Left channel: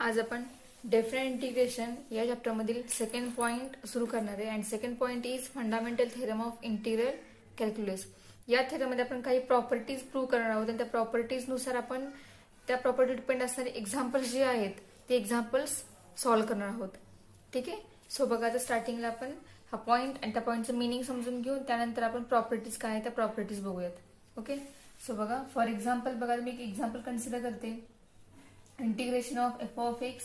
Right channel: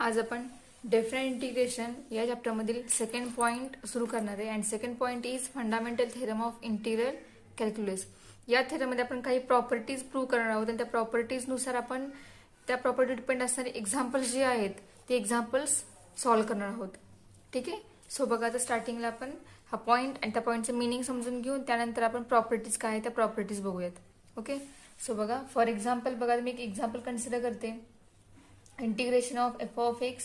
आज आपण different integration या चॅप्टरमधील सेकंड पॉइंट सुरू करणार आहे. And second point is fundamental theorem of integral calculus. या थेरममध्ये आपण काही प्रॉपर्टीज प्रूव्ह करणार आहोत आणि त्या प्रॉपर्टीजनुसार आपण त्या प्रॉपर्टी डिपेंड असणारे एक्झाम्पल्स जे आहेत ते एक्झाम्पल्स सॉल्व्ह करणार आहोत. ठीक आहे. सो बघा, आता स्टार्टिंगला आपण हा पॉइंट आणि त्या पॉइंटचं मिनिंग समजून घेऊन त्यानंतर आपण प्रॉपर्टीज काय आहे त्या प्रॉपर्टीज बघूयात. ओके. सो बघा, फॉर एक्झाम्पल बघा, मी एक एक्झाम्पल कन्सिडर करते. Integration of F of x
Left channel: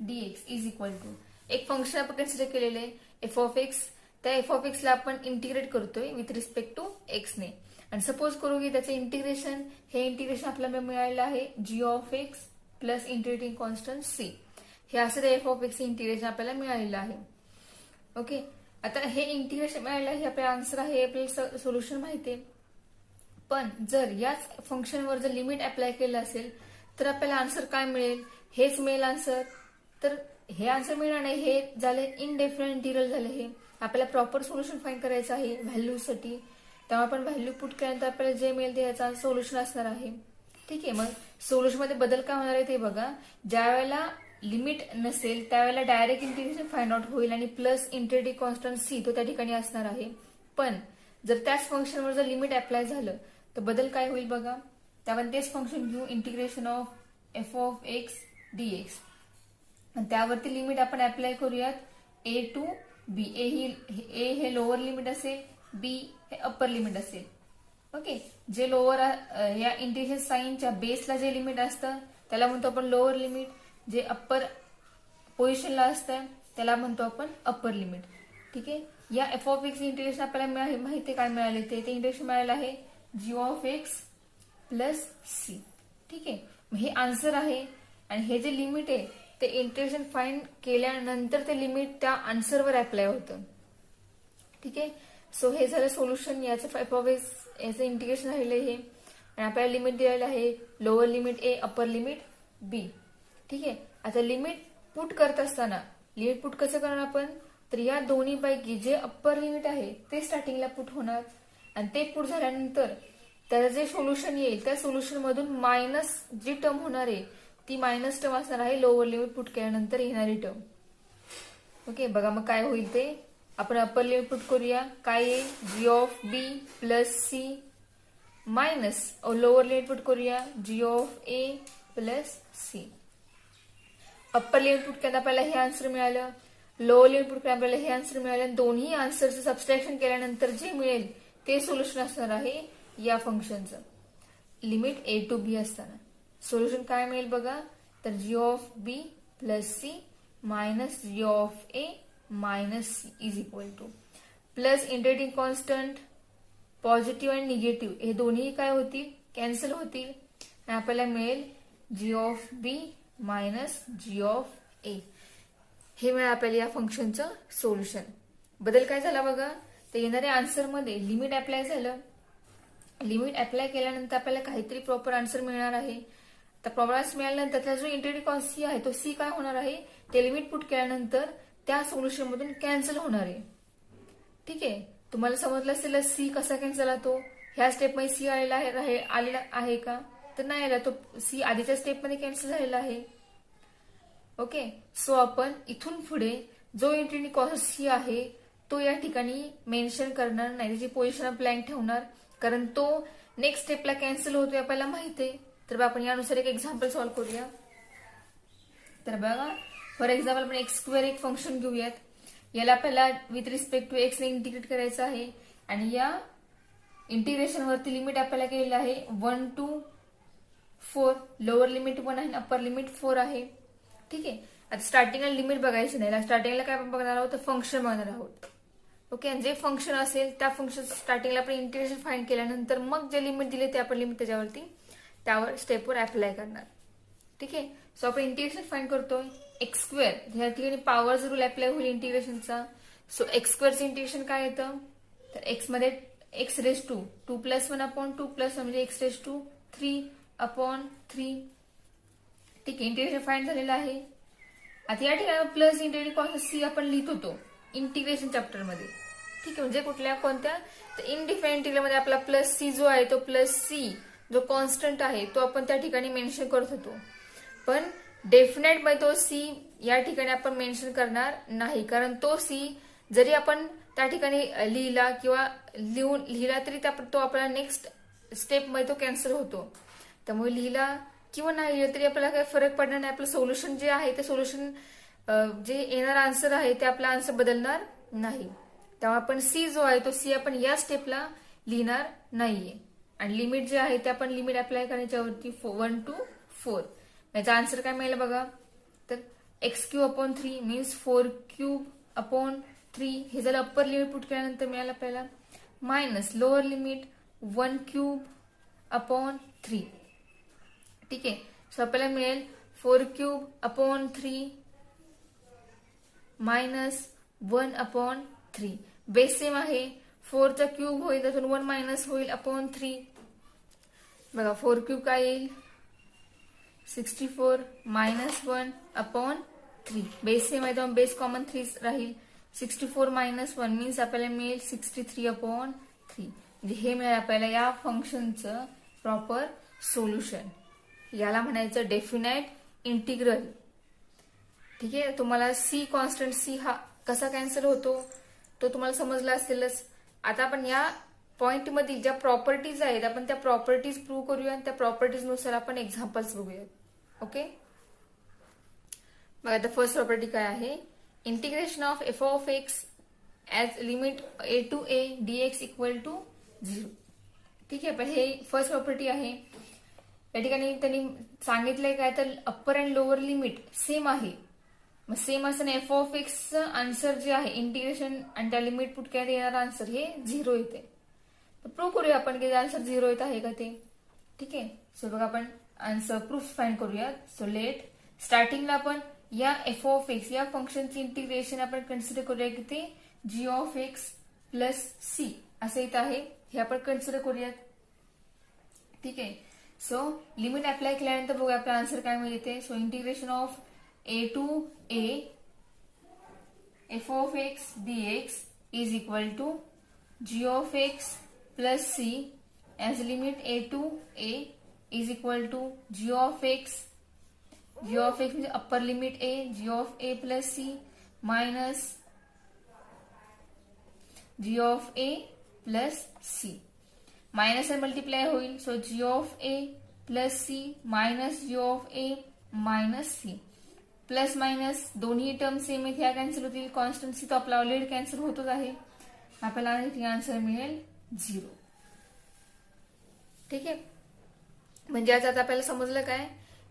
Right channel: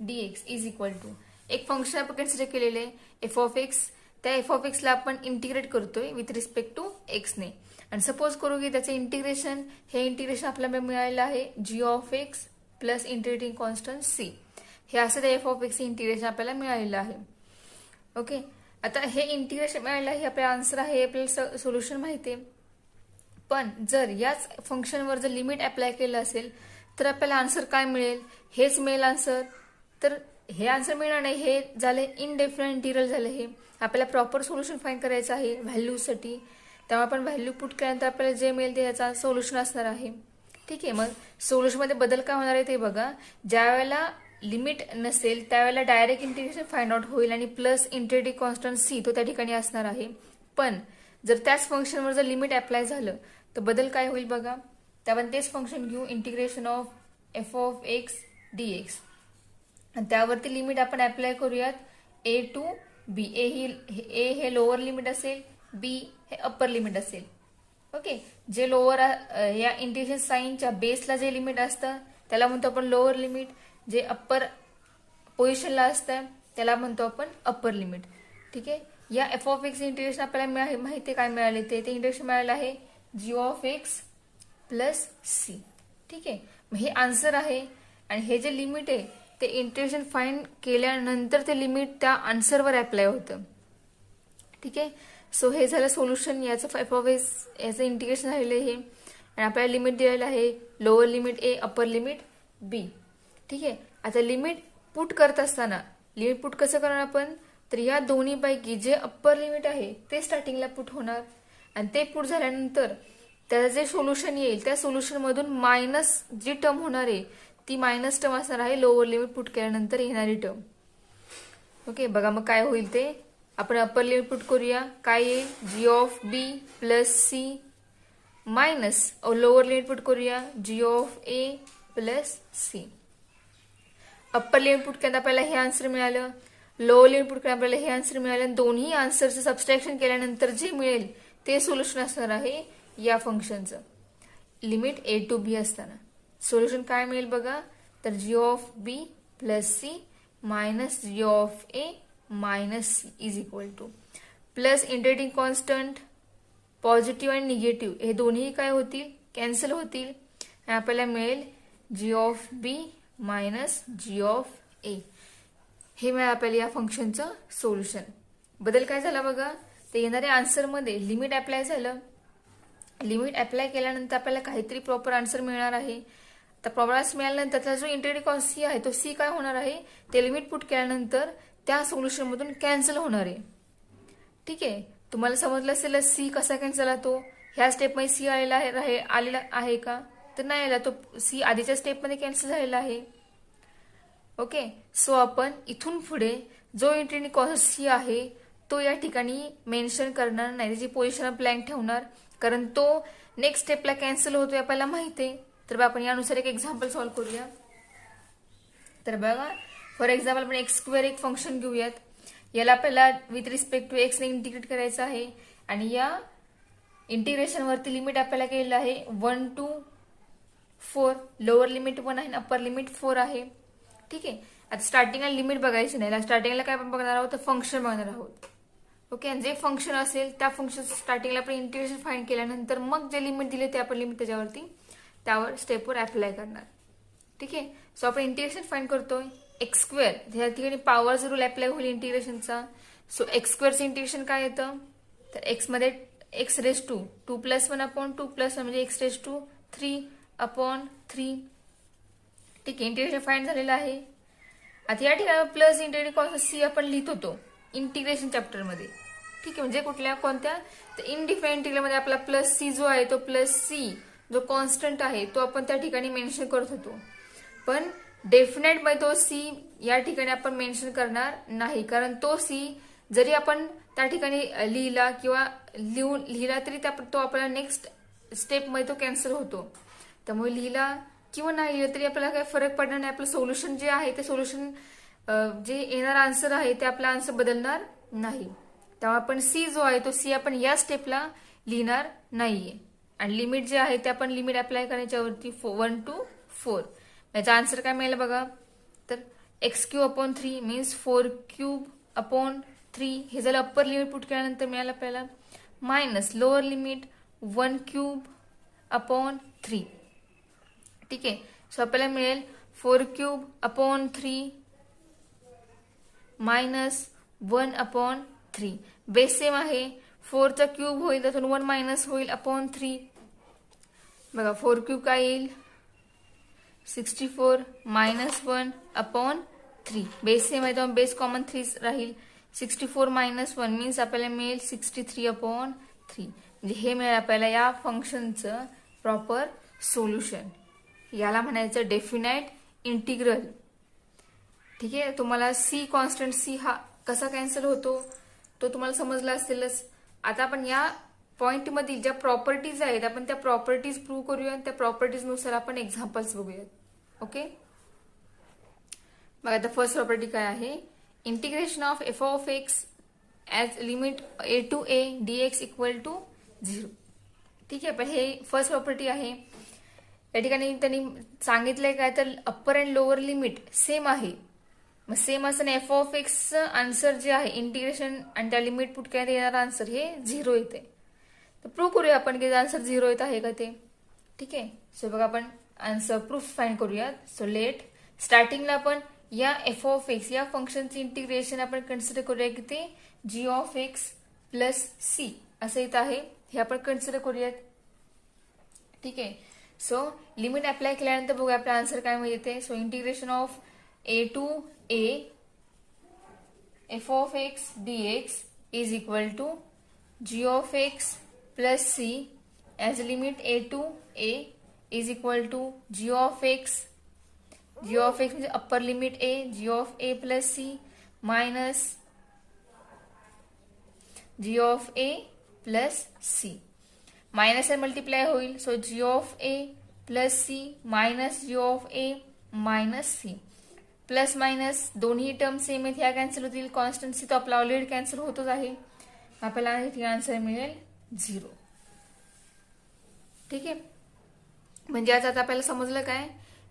D x is equal to एक फंक्शन आपण कन्सिडर केलेले एफ ऑफ एक्स. त्या एफ ऑफ एक्सला आपण इंटिग्रेट करतोय विथ रिस्पेक्ट टू एक्सने. आणि सपोज करू की त्याचे इंटिग्रेशन हे इंटिग्रेशन आपल्याला मिळालेलं आहे जी of x plus integrating constant C. हे असं ते एफ ऑफ एक्स इंटिग्रेशन आपल्याला मिळालेलं आहे. ओके. आता हे इंटिग्रेशन मिळालेलं आहे, आपल्याला आन्सर आहे, आपल्याला सोल्युशन माहिती आहे. पण जर याच फंक्शनवर जर लिमिट अप्लाय केलं असेल तर आपल्याला आन्सर काय मिळेल? हेच मिळेल आन्सर. तर हे आन्सर मिळणार नाही, हे झाले इनडेफिनाइट इंटिग्रल झाले. हे आपल्याला प्रॉपर सोल्युशन फाइंड करायचं आहे व्हॅल्यूसाठी. त्यामुळे आपण व्हॅल्यू पुट केल्यानंतर आपल्याला जे मिळेल ते याचा सोल्युशन असणार आहे. ठीक आहे. मग सोल्युशन मध्ये बदल काय होणार आहे ते बघा. ज्या वेळेला लिमिट नसेल त्यावेळेला डायरेक्ट इंटिग्रेशन फाइंड आउट होईल आणि प्लस इंटिग्रेटिंग कॉन्स्टंट सी तो त्या ठिकाणी असणार आहे. पण जर त्याच फंक्शनवर जर लिमिट अप्लाय झालं तर बदल काय होईल बघा. त्यावर तेच फंक्शन घेऊ, integration of F of x D x. आणि त्यावरती लिमिट आपण अप्लाय करूयात ए टू बी. ए हे लोअर लिमिट असेल, बी हे अप्पर लिमिट असेल. ओके. जे लोअर या इंटिग्रेशन साइनच्या बेसला जे लिमिट असतं त्याला म्हणतो आपण लोअर लिमिट. जे अप्पर पोझिशनला असतं त्याला म्हणतो आपण अप्पर लिमिट. ठीक आहे. या एफ ऑफ एक्स इंटिग्रेशन आपल्याला माहिती काय मिळाले ते इंटिग्रेशन मिळालं आहे जी ऑफ एक्स प्लस सी. ठीक आहे. हे आन्सर आहे आणि हे जे लिमिट आहे ते इंटिग्रेशन फाइंड केल्यानंतर ते लिमिट त्या आन्सरवर अप्लाय होतं. ठीक आहे. सो हे झालं सोल्युशन. याचं एफ ऑफ एक्स याचं इंटिग्रेशन झालेलं आहे आणि आपल्याला लिमिट दिलेलं आहे लोअर लिमिट ए अप्पर लिमिट बी. ठीक आहे. आता लिमिट पुट करत असताना लिमिट पुट कसं करणार आपण, तर या दोन्हीपैकी जे अप्पर लिमिट आहे ते स्टार्टिंगला पुट होणार आणि ते पुट झाल्यानंतर त्याचं जे सोल्युशन येईल त्या सोल्युशन मधून मायनस जी टर्म होणार आहे ती मायनस टर्म असणार आहे लोअर लिमिट पुट केल्यानंतर येणारी टर्म. ओके. बघा मग काय होईल ते आपण अप्पर लिमिट पुट करूया. काय आहे जी of B plus C minus lower limit put करूया g of A plus c. Upper limit put केल्यानंतर आपल्याला हे आन्सर मिळालं, लोअर लिमिट पुट केल्यानंतर आपल्याला हे आन्सर मिळालं. दोन्ही आन्सरचं सबस्ट्रॅक्शन केल्यानंतर जे मिळेल ते सोल्युशन असणार आहे या फंक्शनचं लिमिट ए टू बी असताना. सोल्युशन काय मिळेल बघा, तर G of B plus C minus G of A minus C is equal to plus integrating constant positive आणि निगेटिव्ह हे दोन्ही काय होतील, कॅन्सल होतील आणि आपल्याला मिळेल G of B minus G of A. हे मिळेल आपल्याला या फंक्शनचं सोल्युशन. बदल काय झाला बघा, ते येणाऱ्या आन्सरमध्ये लिमिट अप्लाय झालं. लिमिट अप्लाय केल्यानंतर आपल्याला काहीतरी प्रॉपर आन्सर मिळणार आहे. तर प्रॉपर आन्सर मिळाल्यानंतर त्याचा जो इंटिग्रेटिंग कॉन्स्टंट सी आहे तो सी काय होणार आहे, ते लिमिट पुट केल्यानंतर त्या सोल्युशन मधून कॅन्सल होणार आहे. ठीक आहे. तुम्हाला समजलं असेल सी कसा कॅन्सल होतो. ह्या स्टेपमध्ये सी आलेला आहे का, तर नाही आला, तो सी आधीच्या स्टेपमध्ये कॅन्सल झालेला आहे. ओके. सो आपण इथून पुढे जो इंटिग्रेटिंग कॉन्स्टंट सी आहे तो या ठिकाणी मेन्शन करणार नाही, त्याची पोझिशन ब्लँक ठेवणार, कारण तो नेक्स्ट स्टेपला कॅन्सल होतोय आपल्याला माहिती आहे. तर आपण यानुसार एक एक्झाम्पल सॉल्व्ह करूया. तर बघा, फॉर एक्झाम्पल आपण एक्स स्क्वेअर एक फंक्शन घेऊयात. याला आपल्याला विथ रिस्पेक्ट टू एक्स ने इंटिग्रेट करायचं आहे आणि या इंटिग्रेशन वरती लिमिट आपल्याला केलेलं आहे 1 to 4. लोअर लिमिट 1 आहे, अप्पर लिमिट 4 आहे. ठीक आहे. आता स्टार्टिंगला लिमिट बघायची नाही, स्टार्टिंगला काय आपण बघणार आहोत, तर फंक्शन बघणार आहोत. ओके. आणि जे फंक्शन असेल त्या फंक्शन स्टार्टिंगला आपण इंटिग्रेशन फाइंड केल्यानंतर मग जे लिमिट दिले ते आपण लिमिट त्यावर स्टेपवर अप्लाय करणार. ठीक आहे. सो आपण इंटिग्रेशन फाइंड करतोय एक्स स्क्वेअर. ह्या ठिकाणी पॉवर रूल अप्लाय होईल इंटिग्रेशनचा. सो एक्स स्क्वेअरचं इंटिग्रेशन काय येतं, तर एक्स मध्ये एक्स रेस टू 2 + 1 अपॉन 2 + 1 म्हणजे एक्स रेस टू 3 अपॉन 3. ठीक आहे. इंटिग्रेशन फाइंड झालेलं आहे. आता या ठिकाणी प्लस इंटिग्रेटिंग कॉन्स्टंट सी आपण लिहित होतो इंटिग्रेशन चॅप्टरमध्ये. ठीक आहे. म्हणजे कोणत्या, तर इनडिफाइंड इंटिग्रल मध्ये आपला प्लस सी जो आहे तो प्लस सी जो कॉन्स्टंट आहे तो आपण त्या ठिकाणी मेन्शन करत होतो. पण डेफिनेट मध्ये तो सी या ठिकाणी आपण मेन्शन करणार नाही, कारण तो सी जरी आपण त्या ठिकाणी लिहिला किंवा लिहिला तरी तो आपल्याला नेक्स्ट स्टेप मध्ये तो कॅन्सल होतो. त्यामुळे लिहिला किंवा नाही लिहिला तरी आपल्याला काही फरक पडणार नाही. आपलं सोल्युशन जे आहे ते सोल्युशन जे येणार आन्सर आहे ते आपला आन्सर बदलणार नाही. तेव्हा आपण सी जो आहे तो सी आपण या स्टेपला लिहिणार नाहीये. आणि लिमिट जे आहे ते आपण लिमिट अप्लाय करण्याच्यावरती 1 to 4. याचा आन्सर काय मिळेल बघा, तर x³ 3 मीन्स 4³ हे झालं अप्पर लिमिट पुट केल्यानंतर मिळालं आपल्याला, मायनस लोअर लिमिट 1³ ठीक आहे. सो आपल्याला मिळेल 4³ मायनस 1/3. बेस सेम आहे, 4 चा क्यूब होईल त्यातून 1 मायनस होईल अपॉन 3. बघा 4³ काय येईल 64 मायनस 1/3. बेस सेम आहे त्यामुळे बेस कॉमन 3 राहील. 64 मायनस 1 मीन्स आपल्याला मिळेल 63/3. म्हणजे हे मिळेल आपल्याला या फंक्शनचं प्रॉपर सोल्युशन. याला म्हणायचं डेफिनाइट इंटिग्रल. ठीक आहे. तुम्हाला सी कॉन्स्टंट सी हा कसा कॅन्सल होतो तो तुम्हाला समजला असेलच. आता आपण या पॉइंट मध्ये ज्या प्रॉपर्टीज आहेत आपण त्या प्रॉपर्टीज प्रूव्ह करूया. त्या प्रॉपर्टीज नुसार आपण एक्झाम्पल्स बघूयात. ओके. बघा आता फर्स्ट प्रॉपर्टी काय आहे, integration of F of x as limit a to a dx equal to 0. ठीक आहे. पण हे फर्स्ट प्रॉपर्टी आहे. या ठिकाणी त्यांनी सांगितलंय काय तर upper and lower limit same आहे. मग सेम असं एफ ऑफ एक्स आन्सर जे आहे इंटिग्रेशन आणि त्या लिमिट पुट केल्यात येणार आन्सर हे 0 येते. तर प्रूव्ह करूया आपण की आन्सर 0 येत आहे का ते. ठीक आहे. सो बघा आपण आन्सर प्रूफ फाइंड करूया. सो लेट स्टार्टिंगला आपण या एफ ऑफ एक्स या फंक्शनचे इंटिग्रेशन आपण कन्सिडर करूया की ते जी ऑफ एक्स प्लस सी असं येत आहे. हे आपण कन्सिडर करूयात. ठीक आहे. सो लिमिट अप्लाय केल्यानंतर बघूया आपला आन्सर काय मिळते. So integration of a to a f of x dx is equal to g of x plus c as limit a to a is equal to g of x means upper limit a g of a plus c minus g of a plus c. Minus आणि multiply होईल. So g of a plus c minus g of a minus c. Plus minus दोन्ही term same आहेत, ह्या cancel होतील. कॉन्स्टन्सी तो आपला already cancel होतच आहे. आपल्याला इथे आन्सर मिळेल 0. ठीक आहे. म्हणजे आता आपल्याला समजलं काय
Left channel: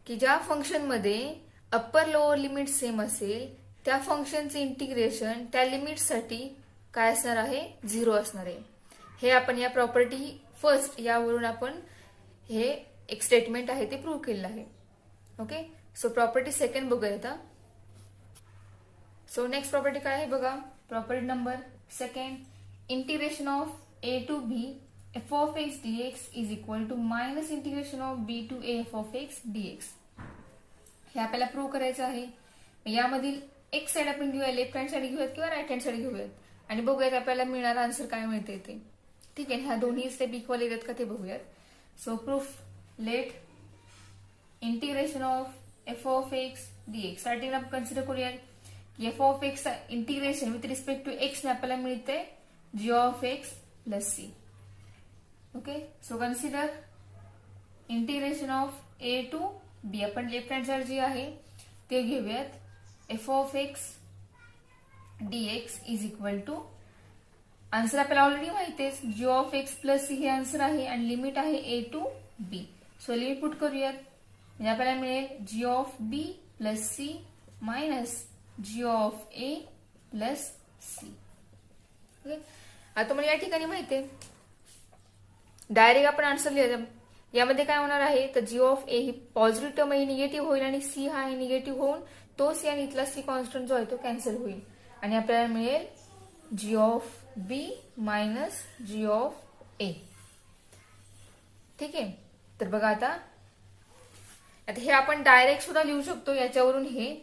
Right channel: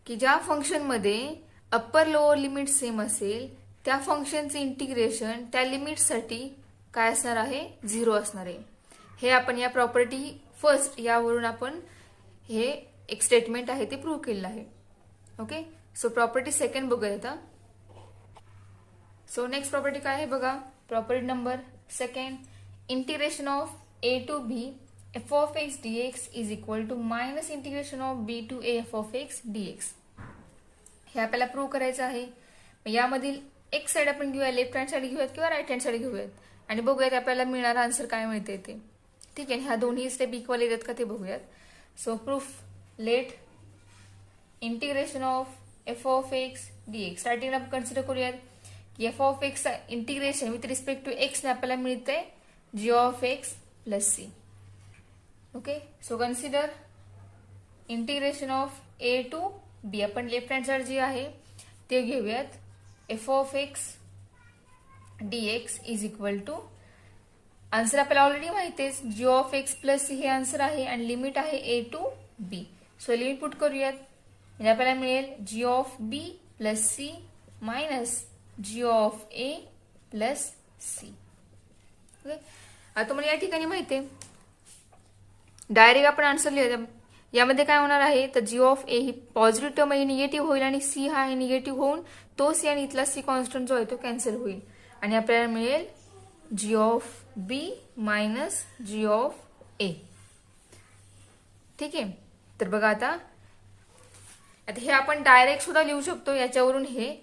की ज्या फंक्शन मध्ये अप्पर लोअर लिमिट सेम असेल त्या फंक्शनचे इंटिग्रेशन त्या लिमिटसाठी काय असणार आहे 0 असणार आहे. हे आपण या प्रॉपर्टी फर्स्ट यावरून आपण हे एक स्टेटमेंट आहे ते प्रूव्ह केलेलं आहे. ओके. सो प्रॉपर्टी सेकंड बघूया आता. सो नेक्स्ट प्रॉपर्टी काय आहे बघा, property number second, integration of a to b f of x dx is equal to minus integration of b to a f of x dx. हे आपल्याला prove करायचं आहे. यामधील एक साइड आपण घेऊया, लेफ्ट हँड साइड घेऊयात किंवा राईट हँड साइड घेऊयात आणि बघूयात आपल्याला मिळणारा आन्सर काय मिळते ते. ठीक आहे. ह्या दोन्ही स्टेप इक्वल येतात का ते बघूयात. So proof let integration of F of x DX. स्टार्टिंगला कन्सिडर करूयात की F of X integration with respect to X आपल्याला मिळते G of x plus C. Okay. So consider integration of A to B. आपण left hand side जी आहे ते घेऊयात. F of x dx is equal to answer आपल्याला already माहितीच G of x plus C हे आन्सर आहे आणि लिमिट आहे ए to B. So limit put करूयात म्हणजे आपल्याला मिळेल G of B plus C minus G of A plus C. Okay. आता मला या ठिकाणी माहिती आहे डायरेक्ट आपण आन्सर लिहूया. यामध्ये काय होणार आहे तर जी ऑफ ए ही पॉझिटिव्ह टर्म ही निगेटिव्ह होईल आणि सी हा निगेटिव्ह होऊन तो सी आणि इथला सी कॉन्स्टंट जो आहे तो कॅन्सल होईल आणि आपल्याला मिळेल G of B minus G of A. ठीक आहे. तर बघा आता हे आपण डायरेक्ट सुद्धा लिहू शकतो याच्यावरून हे,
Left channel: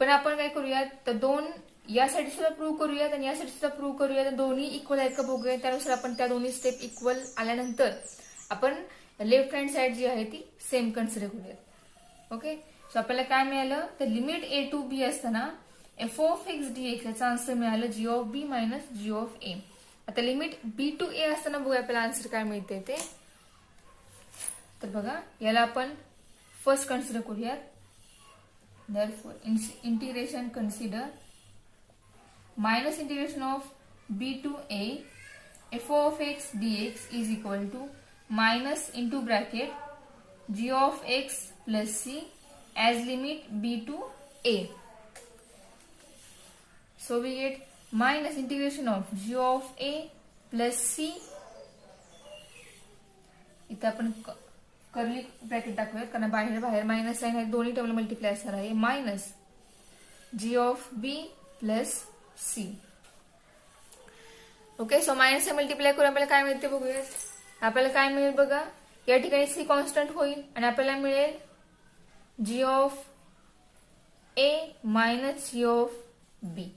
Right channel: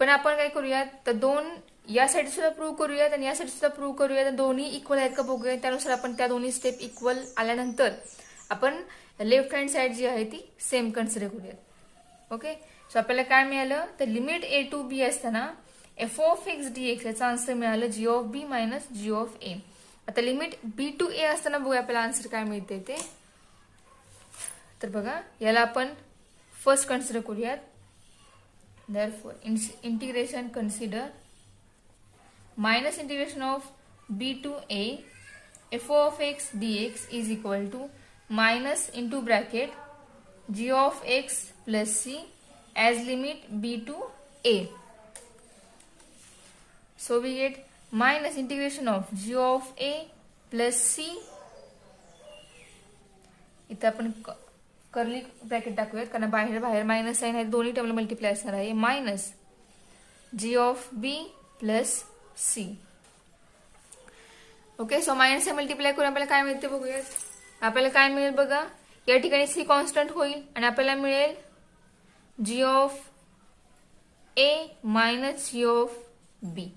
पण आपण काय करूयात तर दोन या साईड सुद्धा प्रूव्ह करूयात आणि या साईड सुद्धा प्रूव्ह करूयात. दोन्ही इक्वल आहेत का बघूया. त्यानुसार आपण त्या दोन्ही स्टेप इक्वल आल्यानंतर आपण लेफ्ट हँड साइड जी आहे ती सेम कन्सिडर करूयात. ओके. सो आपल्याला काय मिळालं, तर लिमिट ए टू बी असताना F of x D X याचा आन्सर मिळालं G of B minus G of A. आता लिमिट बी टू ए असताना बघूया आपल्याला आन्सर काय मिळते ते. तर बघा याला आपण फर्स्ट कन्सिडर करूयात. Therefore, integration consider minus integration of b to a f of x dx is equal to minus into bracket g of x plus c as limit b to a. So we get minus integration of g of a plus c. इथं आपण curly bracket टाकूयात कारण बाहेर बाहेर minus sign आहे, दोन्ही टर्मला multiply असणार आहे. Minus G of B plus C. Okay, so minus हे मल्टिप्लाय करून आपल्याला काय मिळते बघूयात. आपल्याला काय मिळेल बघा, या ठिकाणी सी कॉन्स्टंट होईल आणि आपल्याला मिळेल G of A minus G of B.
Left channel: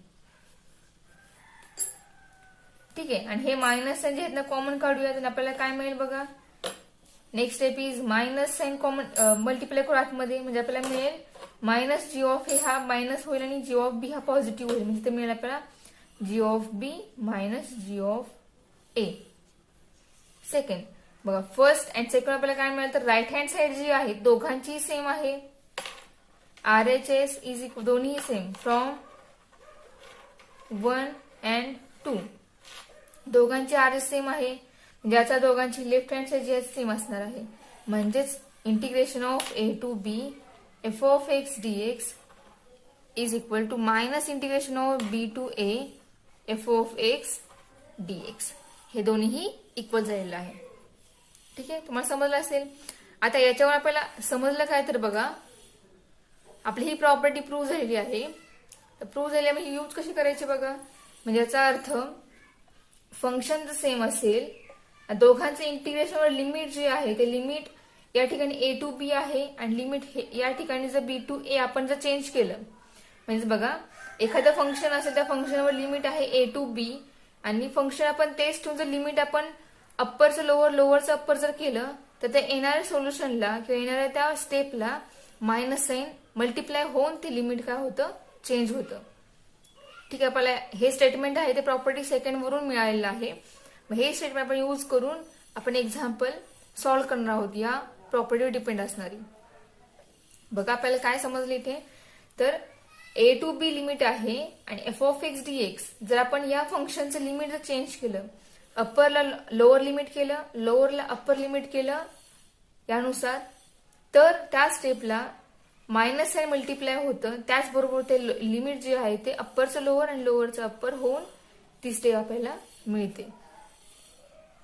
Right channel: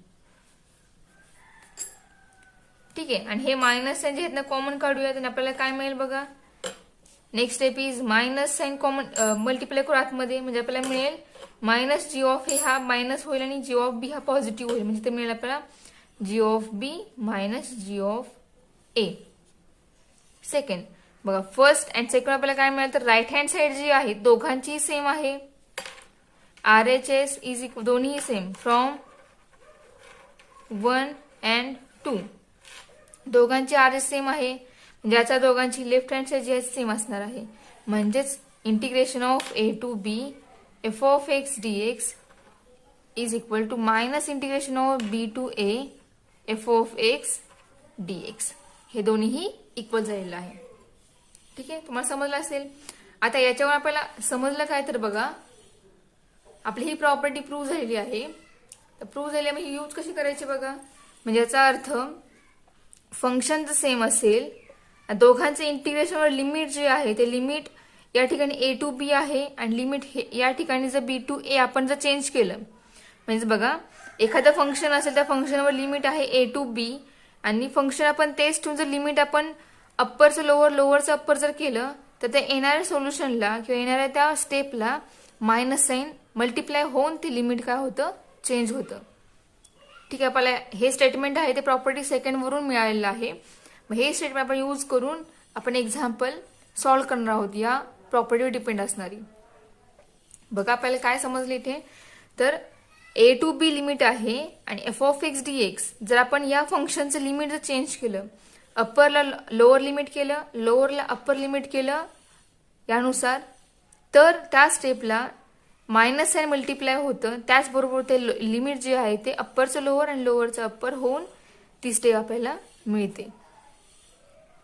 ठीक आहे, आणि हे मायनस साइन जे आहेत ना कॉमन काढूयात आणि आपल्याला काय मिळेल बघा. Next step is minus sine common multiply करू आतमध्ये, म्हणजे आपल्याला मिळेल मायनस जी ऑफ ए हा मायनस होईल आणि जी ऑफ बी हा पॉझिटिव्ह होईल, म्हणजे ते मिळेल आपल्याला G of B minus G of A. Second बघा, फर्स्ट अँड सेकंड आपल्याला काय मिळालं, तर राईट हँड साइड जी आहे दोघांची सेम आहे. RHS इज इक्वल दोन्ही सेम फ्रॉम 1 and 2 दोघांची RHS सेम आहे, ज्याचा दोघांची लेफ्ट हँड साइड जी आहे सेम असणार आहे. म्हणजेच integration of A to b f of x D x is equal to minus integration of b to a f of x D x. हे दोन्हीही इक्वल झालेलं आहे. ठीक आहे, तुम्हाला समजलं असेल. आता याच्यावर आपल्याला समजलं काय, तर बघा आपली ही प्रॉपर्टी प्रूव्ह झालेली आहे. तर प्रूव्ह झाल्यामुळे यूज कशी करायची बघा. म्हणजे याचा अर्थ फंक्शन जर सेम असेल, दोघांचे इंटिग्रेशनवर लिमिट जे आहे ते लिमिट या ठिकाणी ए टू बी आहे आणि लिमिट या ठिकाणी जर बी टू ए आपण जर चेंज केलं, म्हणजे बघा एखादं फंक्शन असेल त्या फंक्शनवर लिमिट आहे ए टू बी आणि फंक्शन आपण तेच ठेवून जर लिमिट आपण अप्परचं लोअर लोअरचं अप्पर जर केलं तर त्या येणाऱ्या सोल्युशनला किंवा येणाऱ्या त्या स्टेपला मायनस साइन मल्टिप्लाय होऊन ते लिमिट काय होतं, चेंज होतं. ठीक आहे, आपल्याला हे स्टेटमेंट आहे ते प्रॉपर्टी सेकंड वरून मिळालेलं आहे. हे स्टेटमेंट आपण यूज करून आपण एक्झाम्पल सॉल्व्ह करणार आहोत या प्रॉपर्टीवर डिपेंड असणारी. बघा आपल्याला काय समजलं इथे, तर ए टू बी लिमिट आहे आणि F of x D x जर आपण या फंक्शनचं लिमिट जर चेंज केलं, अप्परला लोअर लिमिट केलं, लोअरला अप्पर लिमिट केलं यानुसार, तर त्या स्टेपला मायनस साइन मल्टिप्लाय होतं. त्याचबरोबर ते लिमिट जे आहे ते अप्परचं लोअर आणि लोअरचं अप्पर होऊन ती स्टेप आपल्याला मिळते.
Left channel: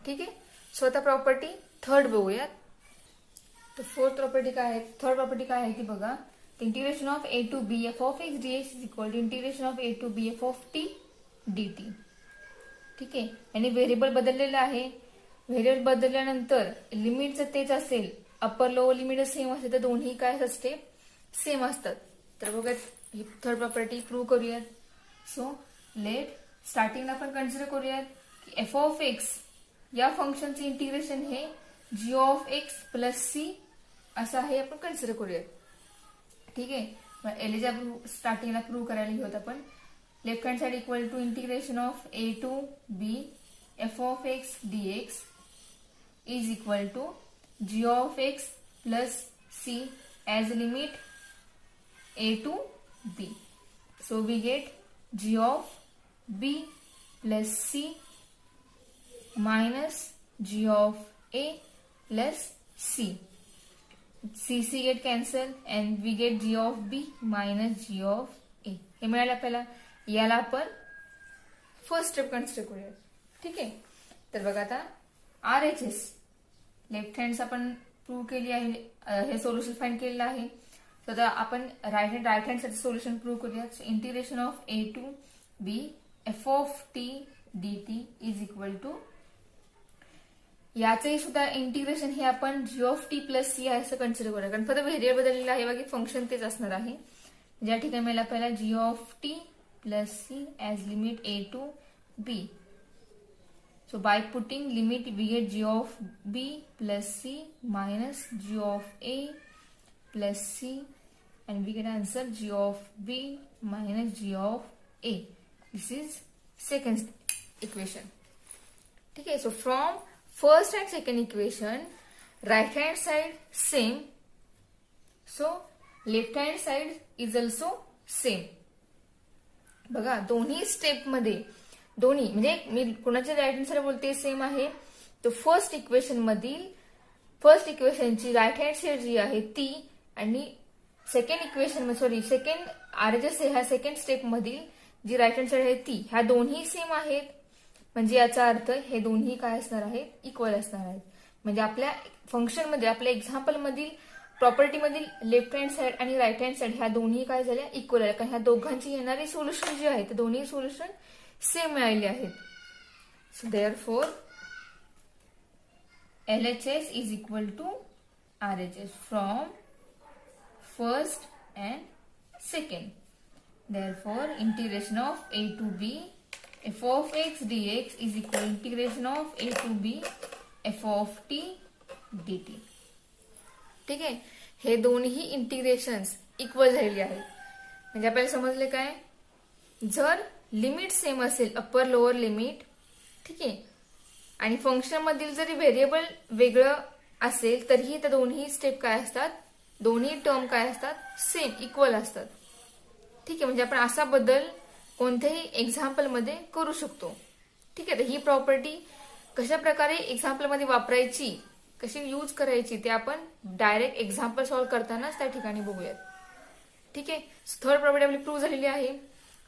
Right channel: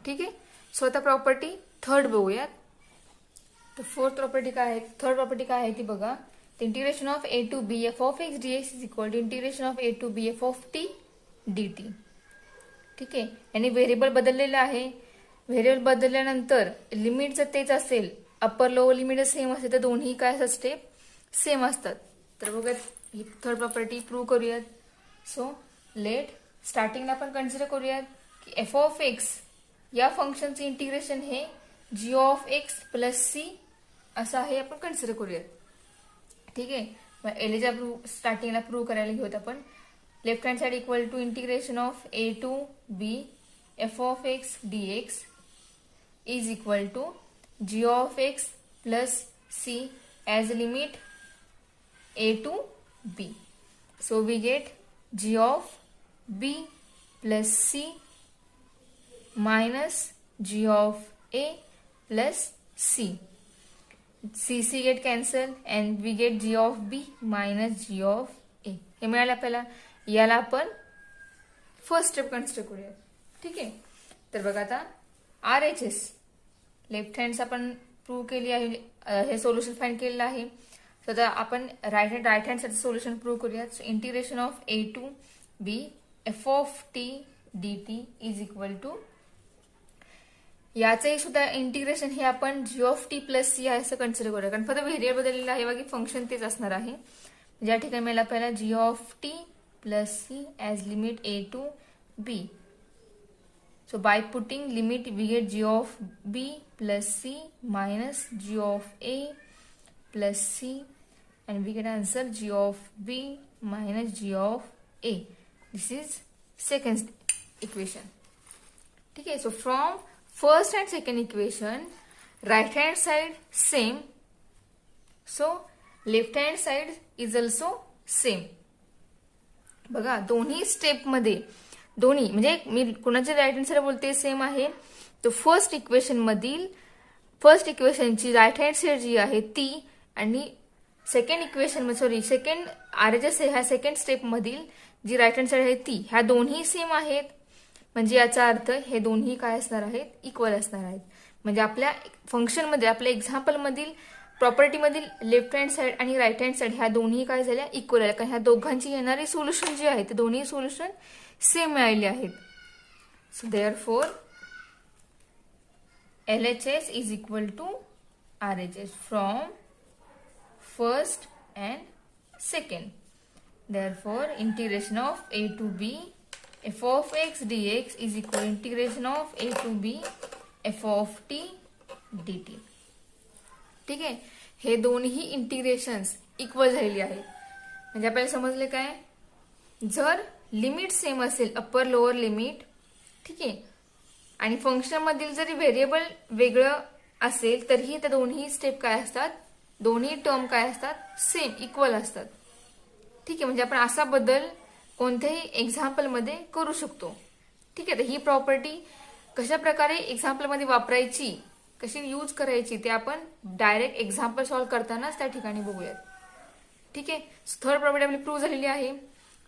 ठीक आहे, सो आता प्रॉपर्टी थर्ड बघूयात. तर फोर्थ प्रॉपर्टी काय आहे, थर्ड प्रॉपर्टी काय आहे ती बघा. Integration of A to b f of x D x is equal to integration of A to b f of t d t. ठीक आहे, आणि व्हेरिएबल बदललेलं आहे. व्हेरिएबल बदलल्यानंतर लिमिट जर तेच असेल, अप्पर लोअर लिमिट सेम असेल, तर दोन्ही काय असते सेम असतात. तर बघा ही थर्ड प्रॉपर्टी प्रूव्ह करूयात. सो लेट स्टार्टिंगला आपण कन्सिडर करूयात की एफ ऑफ एक्स या फंक्शनचे इंटिग्रेशन हे जी ऑफ एक्स प्लस सी असं आहे, आपण कन्सिडर करूयात. ठीक आहे, एलिजा स्टार्टिंगला प्रूव्ह करायला घेऊयात आपण. Left hand side equal to integration of A to b f of x D x is equal to g of x plus C as limit A to B. So we get G of B plus c minus g of a plus c. c get cancel and we get g of b minus g of a. हे मिळालं आपल्याला. याला आपण first step consider करूया. ठीक आहे, तर बघा आता RHS लेफ्ट हँड आपण प्रूव्ह केली आहे, हे सोल्युशन फाइंड केलेलं आहे. तर आता आपण राईट हँड साठी सोल्युशन प्रूव्ह करूया. Integration of A to b f of t d t is equal to, याचंही सुद्धा इंटिग्रेशन हे आपण g of T plus C आहे असं कन्सिडर करूया, कारण फक्त व्हेरिएबल बदललेलं आहे, बाकी फंक्शन तेच असणार आहे. ज्या ठिकाणी मला आपल्याला G of T plus C as limit A to B. So by putting limit we get G of B plus C minus G of A plus C and we get answer g of b minus g of a. This is second equation. ठीक है. So from first and second equation, right hand side same, so left hand side is also same. बघा दोन्ही step मध्ये दोन्ही म्हणजे मी कोणाच्या right hand side बोलते same आहे. तो फर्स्ट इक्वेशनची राईट हँड साइड जी आहे ती आणि सेकंड आरएचएस ह्या सेकंड स्टेप मधील जी राईट हँड साइड आहे ती ह्या दोन्ही सेम आहेत. म्हणजे याचा अर्थ हे दोन्ही काय असणार आहेत, इक्वल असणार आहेत. म्हणजे आपल्या फंक्शन मध्ये आपल्या एक्झाम्पल मधील प्रॉपर्टी मधील लेफ्ट हँड साइड आणि राईट हँड साइड ह्या दोन्ही काय झाल्या, इक्वल आहे. कारण ह्या दोघांची येणारी सोल्युशन जे आहे ते दोन्ही सोल्युशन सेम मिळाले आहेत. So therefore LHS is equal to RHS from first and second. Therefore, integration of a to b f of x dx is equal to integration of a to b f of t dt. ठीक आहे. हे दोन्ही इंटिग्रेशन्स equal झालेली आहेत. म्हणजे आपल्याला समजले काय, जर लिमिट सेम असेल अप्पर लोअर लिमिट, ठीक आहे, आणि फंक्शन मधील जरी व्हेरिएबल वेगळं असेल तरीही त्या दोन्ही स्टेप काय असतात, दोन्ही टर्म काय असतात, सेम इक्वल असतात. ठीक आहे. म्हणजे आपण असा बदल कोणत्याही एक्झाम्पल मध्ये करू शकतो. ठीक आहे. तर ही प्रॉपर्टी कशा प्रकारे एक्झाम्पल मध्ये वापरायची, कशी यूज करायची ते आपण डायरेक्ट एक्झाम्पल सॉल्व्ह करतानाच त्या ठिकाणी बघूयात. ठीक आहे. थर्ड प्रॉपर्टी आपली प्रूव्ह झालेली आहे.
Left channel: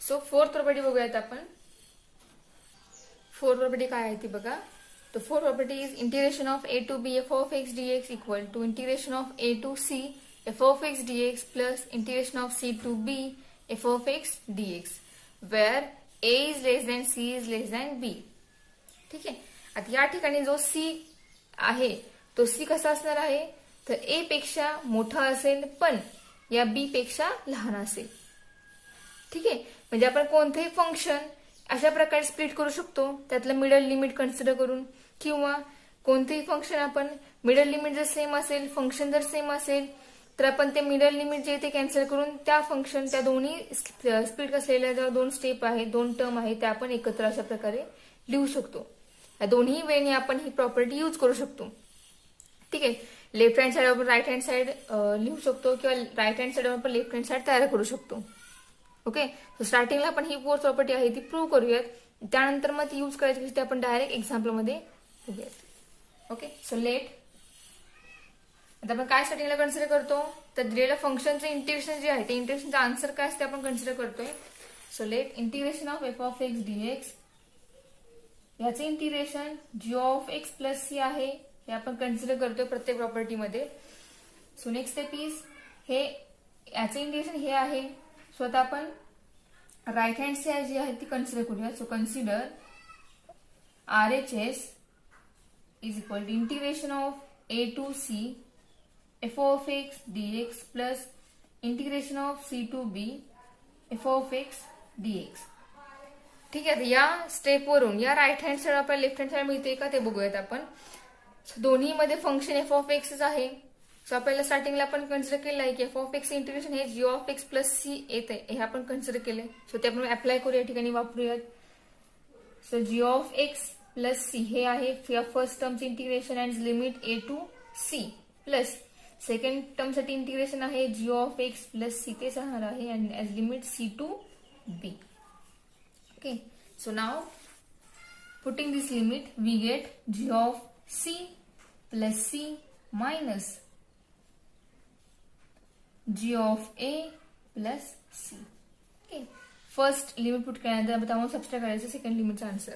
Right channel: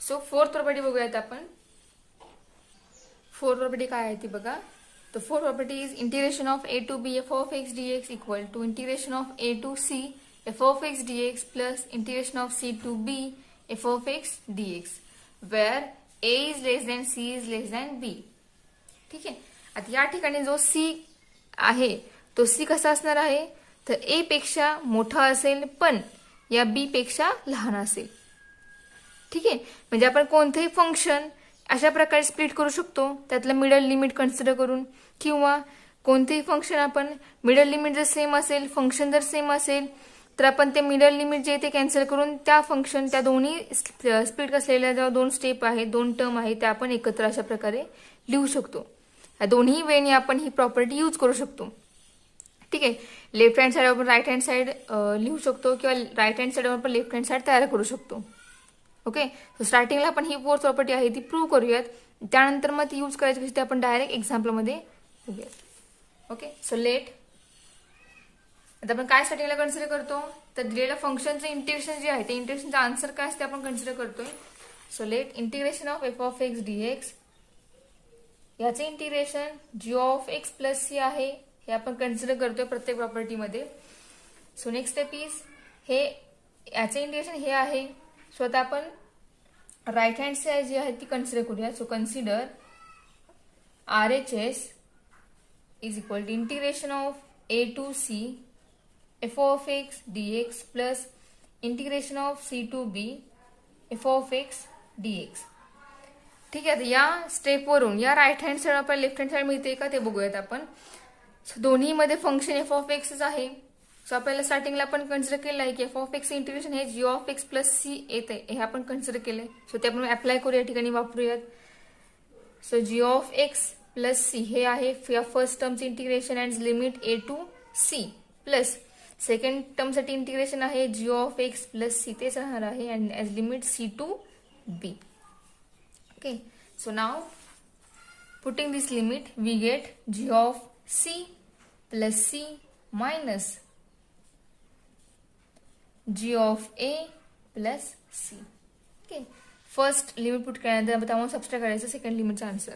सो फोर्थ प्रॉपर्टी बघूयात आपण. फोर्थ प्रॉपर्टी काय आहे ती बघा. The fourth property is integration of a to b f of x dx equal to integration of a to c f of x dx plus integration of c to b f of x dx where a is less than c is less than b. ठीक आहे. आता या ठिकाणी जो c आहे तो c कसा असणार आहे, तर a पेक्षा मोठा असेल पण या b पेक्षा लहान असेल. ठीक आहे. म्हणजे आपण कोणतेही फंक्शन अशा प्रकारे स्प्लिट करू शकतो त्यातलं मिडल लिमिट कन्सिडर करून, किंवा कोणतेही फंक्शन आपण मिडल लिमिट जर सेम असेल, फंक्शन जर सेम असेल तर आपण ते मिडल लिमिट जे ते कॅन्सल करून त्या फंक्शन त्या दोन्ही स्प्लिट असलेल्या ज्या दोन स्टेप आहेत, दोन टर्म आहेत त्या आपण एकत्र अशा प्रकारे लिहू शकतो. या दोन्ही वेने आपण ही प्रॉपर्टी यूज करू शकतो. ठीक आहे. लेफ्ट हँड साइड आपण राईट हँड साइड लिहू शकतो किंवा राईट हँड साइड आपण लेफ्ट हँड साइड तयार करू शकतो. ओके. सो स्टार्टिंगला आपण ही फोर्थ प्रॉपर्टी आहे ती प्रूव्ह करूयात. त्यानंतर मग ती यूज करायची कशी ते आपण डायरेक्ट एक्झाम्पल मध्ये बघूयात. ओके. सो लेट आता आपण काय सेटिंगला कन्सिडर करतो, तर दिलेल्या फंक्शनचं इंटिग्रेशन जे आहे ते इंटिग्रेशनचा आन्सर काय असते आपण कन्सिडर करतोय. So let integration of F of x DX, याचे integration G of x plus C आहे हे आपण कन्सिडर करतोय प्रत्येक प्रॉपर्टीमध्ये. सो नेक्स्ट स्टेप इज हे याचे इंटिग्रेशन हे आहे. सो आता आपण राईट हँड साइड जी आहे ती कन्सिडर करूया. So consider RHS is equal to integration of a to c f of x dx plus integration of c to b f of x dx. ठीक आहे. या स्टेप वरून या राईट हँड साइड आपल्याला लेफ्ट हँड साइड मिळते का ते बघूयात आपण. दोन्ही मध्ये फंक्शन एफ ऑफ एक्सच आहे. सो आपल्याला स्टार्टिंगला आपण कन्सिडर केलं आहे की एफ ऑफ एक्स इंटिग्रेशन हे जी ऑफ एक्स प्लस सी येत आहे, हे आपण कन्सिडर केलंय. सो ते आपण अप्लाय करू या ठिकाणी वापरूयात. So g of x plus C हे आहे फर्स्ट टर्मचे integration and limit A to c, plus second टर्मसाठी इंटिग्रेशन आहे जी ऑफ एक्स प्लस सी तेच राहणार आहे and as limit c to b. Okay. So now putting this limit we get G of C plus C minus G of A plus C. Okay. First limit put केल्यानंतर त्यामुळे subtract करायचं second लिमिटचा answer,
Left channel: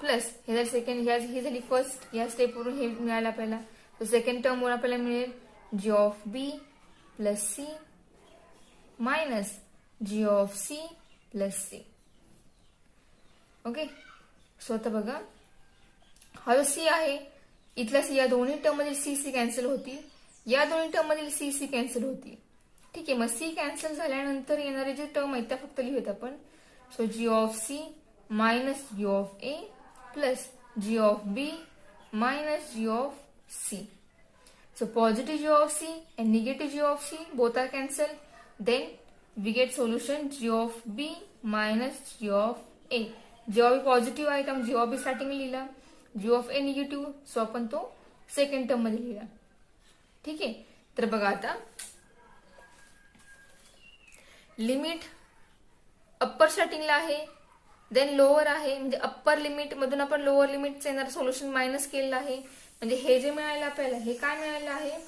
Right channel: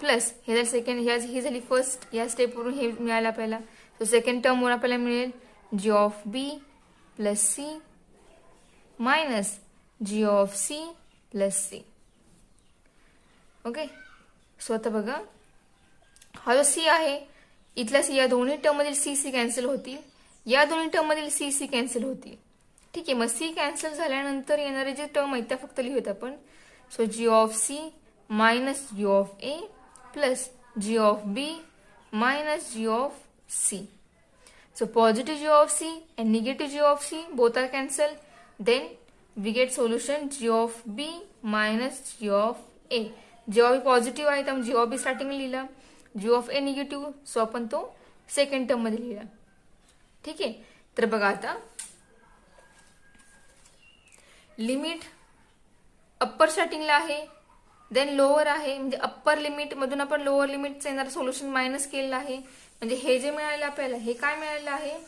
plus हे जर second ही झाली first, या स्टेपवरून हे मिळालं आपल्याला. तर सेकंड टर्म वरून आपल्याला मिळेल G of B plus C minus G of C plus C. Okay. So आता बघा हा जो सी आहे इथला सी, या दोन्ही टर्म मधील सी सी कॅन्सल होतील, या दोन्ही टर्म मधील सी सी कॅन्सल होतील. ठीक आहे. मग सी कॅन्सल झाल्यानंतर येणारे जे टर्म आहेत त्या फक्त लिहूयात आपण. So g of c minus G of A plus g of B minus G of c. So positive g of c and negative g of c both are cancelled. Then we get solution g of b minus g of a. g of b positive आहे तर g of b starting लिहिला, g of a negative, so आपण तो second term मध्ये लिहिला. ठीक आहे. तर बघा आता लिमिट अप्पर स्टार्टिंगला आहे, देन लोअर आहे, म्हणजे अप्पर लिमिट मधून आपण लोअर लिमिटचं येणारं सोल्युशन मायनस केलेलं आहे. म्हणजे हे जे मिळालं आपल्याला हे काय मिळालं आहे,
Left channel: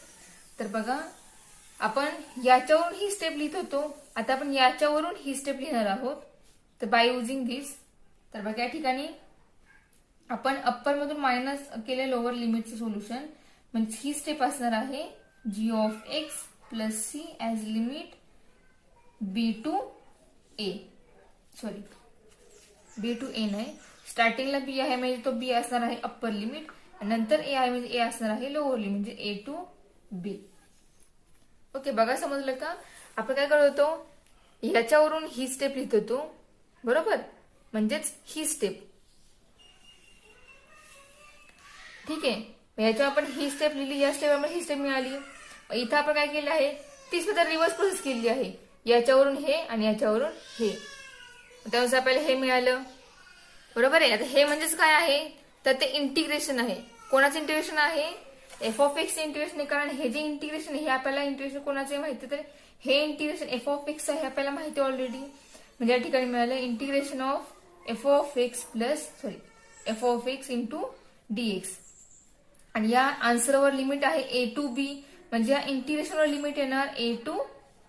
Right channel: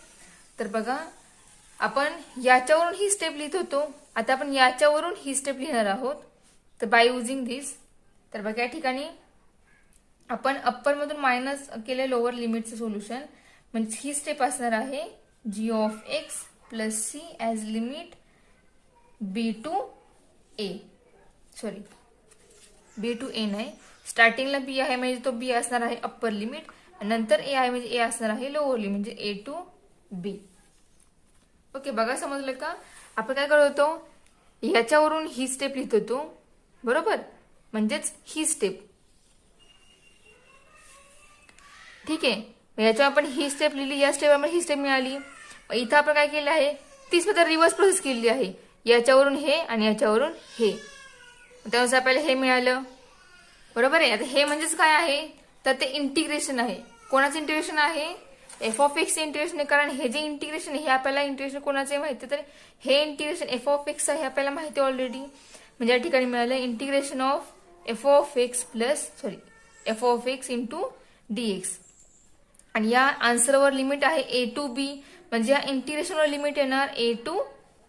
तर बघा आपण याच्यावरून ही स्टेप लिहित होतो, आता आपण याच्यावरून ही स्टेप लिहिणार आहोत. तर बाय युझिंग दिस, तर बघा या ठिकाणी आपण अप्पर मधून मायनस केले लोअर लिमिटचं सोल्युशन, म्हणजे ही स्टेप असणार आहे जी of x plus C as limit B to A, sorry B to A नाही, स्टार्टिंगला बी आहे म्हणजे तो बी असणार आहे अप्पर लिमिट, नंतर ए आहे म्हणजे ए असणार आहे लोअर लिमिट, म्हणजे ए टू बी. ओके, बघा समजलं का. आपण काय करत होतो, याच्यावरून ही स्टेप लिहित होतो, बरोबर, म्हणजेच ही स्टेप. ठीक आहे, याच्या आपण ही स्टेप लिहिली, या स्टेप आपण ही स्टेप मिळाली. इथं आपण काय केलं आहे, तीच मध्ये रिव्हर्स प्रोसेस केलेली आहे, याच्यावरून हे आणि याच्यावरून हे, त्यानुसार आपल्याला हे मिळालं, बरोबर आहे. आता हे म्हणजेच काय आहे, तर ते इंटिग्रेशन आहे. कोणाचं इंटिग्रेशन आहे, एफ ऑफ एक्स इंटिग्रेशन आहे, कारण हे जे इंटिग्रेशन आहे हे आपल्याला इंटिग्रेशन कोणाचे माहिती, तर हे इंटिग्रेशन एफ ऑफ एक्स आहे आपल्याला माहिती ऑलरेडी. म्हणजे या ठिकाणी मिळालं integration of F of x plus sorry f of x into d x. आणि या आन्सरवर लिमिट आहे ए टू बी, म्हणजे या इंटिग्रेशनवर लिमिट येणार ए टू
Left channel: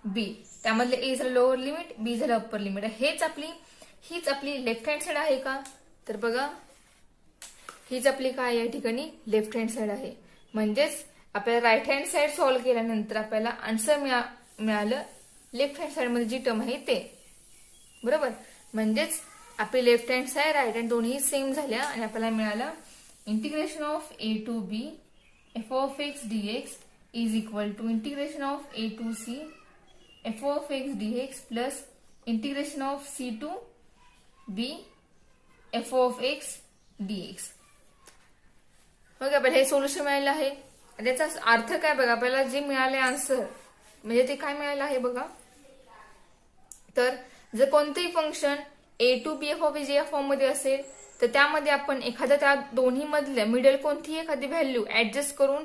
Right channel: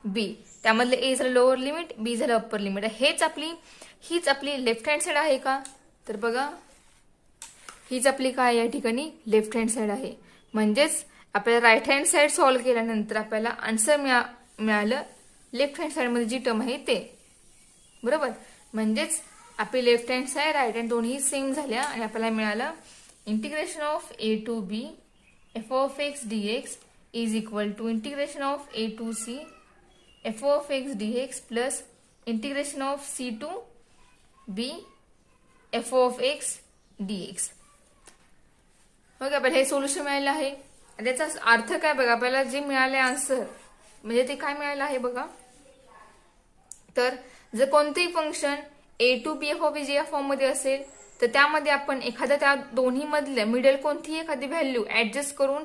बी. त्यामधले ए झालं लोअर लिमिट, बी झालं अप्पर लिमिट. हीच आपली लेफ्ट हँड साइड आहे का, तर बघा हीच आपली काय या ठिकाणी लेफ्ट हँड साइड आहे. म्हणजेच आपल्याला राईट हँड साइड सॉल्व्ह केल्यानंतर आपल्याला आन्सर मिळालं लेफ्ट हँड साइड मध्ये जी टर्म आहे ते, बरोबर. म्हणजेच आपली left hand side right hand दोन्ही सेम झाल्या आणि आपल्याला मिळालं integration of A to b f of x dx is equal to integration of A to c f of x d x plus integration of c to b f of x d x. Okay, आपण हे solution मिळालं आहे. त्याचा अर्थ काय बघा, आपल्याला जे मिळाले आन्सर म्हणजे ते काय मिळालं आहे बघा. तर जर कोणतेही function a to b f of x या फॉर्म मध्ये असेल तर त्यामध्ये आपण एखाद्या त्या दोन्ही मधल्या मिडल कोणतीही एखादी व्हॅल्यू ऍडजस्ट करून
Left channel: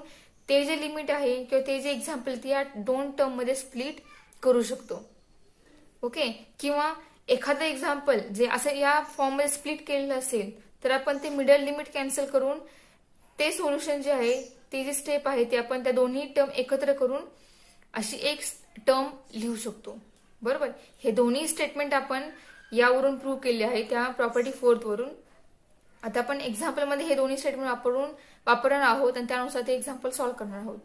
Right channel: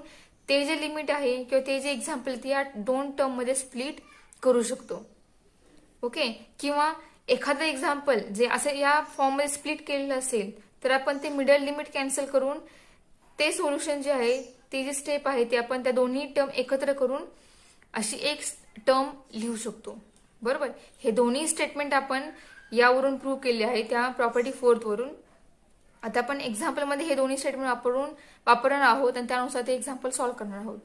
ते जे लिमिट आहे किंवा ते जे एक्झाम्पल ते या दोन टर्म मध्ये स्प्लिट करू शकतो. ओके, किंवा एखादं एक्झाम्पल जे असं या फॉर्म मध्ये स्प्लिट केलेलं असेल तर आपण ते मिडल लिमिट कॅन्सल करून ते सोल्युशन जे आहे ते जे स्टेप आहे ते आपण त्या दोन्ही टर्म एकत्र करून अशी एक टर्म लिहू शकतो, बरोबर. हे दोन्ही स्टेटमेंट आपण यावरून प्रूव्ह केले आहे त्या प्रॉपर्टी 4 वरून. आता आपण एक्झाम्पल मध्ये हे दोन्ही स्टेटमेंट वापरणार आहोत आणि त्यानुसार ते एक्झाम्पल सॉल्व्ह करणार आहोत.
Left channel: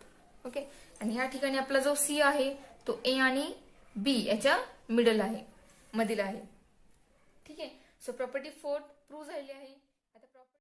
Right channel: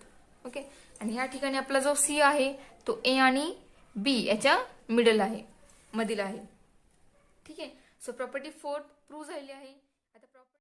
ओके, आणि या ठिकाणी आपला जो सी आहे तो ए आणि बी याच्या मिडल आहे, मधील आहे. ठीक आहे, सो प्रॉपर्टी 4 प्रूव्ह झालेली आहे.